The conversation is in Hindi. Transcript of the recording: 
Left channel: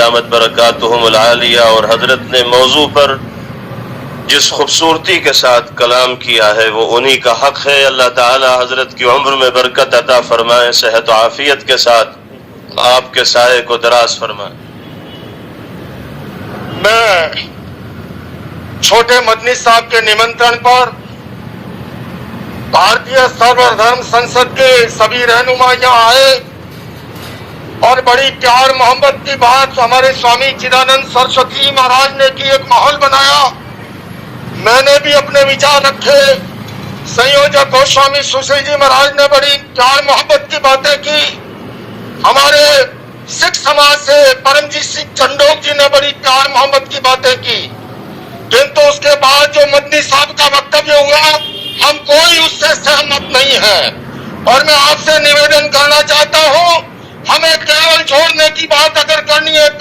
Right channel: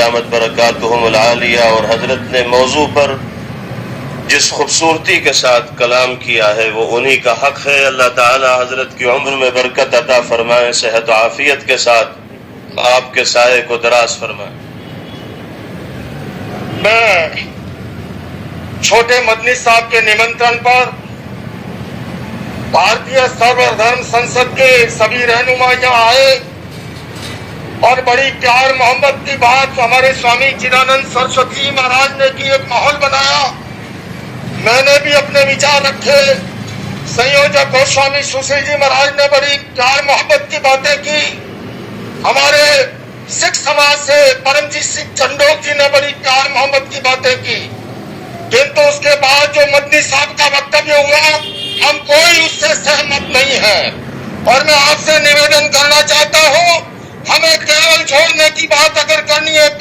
दामत बरकातुहुमुल आलिया। और हजरत ने मौजू पर जिस खूबसूरती के साथ कलाम किया है वो उन्हीं का हक है। अल्लाह ताला हजरत की उम्र में बरकत अता फरमाए, सेहत व आफियत के साथ आपके साये को दराज फरमाए। मैं छोटे मदनी साहब के निमंत्रण पर भारतीय सर्वधर्म संसद के सभी रहनुमा यहाँ आए और बड़ी प्यार मोहब्बत की बात हमारे स्वामी चिदानंद सरस्वती महाराज ने की, एक माहौल बनाया। मैंने भी अपने विचार रखे, संयोजक गोस्वामी सुश्री जी महाराज ने बड़ी प्यार मोहब्बत की बातें की। हमारे सिख समाज से परमजीत सिंह चंडोक जी ने बड़ी प्यार मोहब्बत की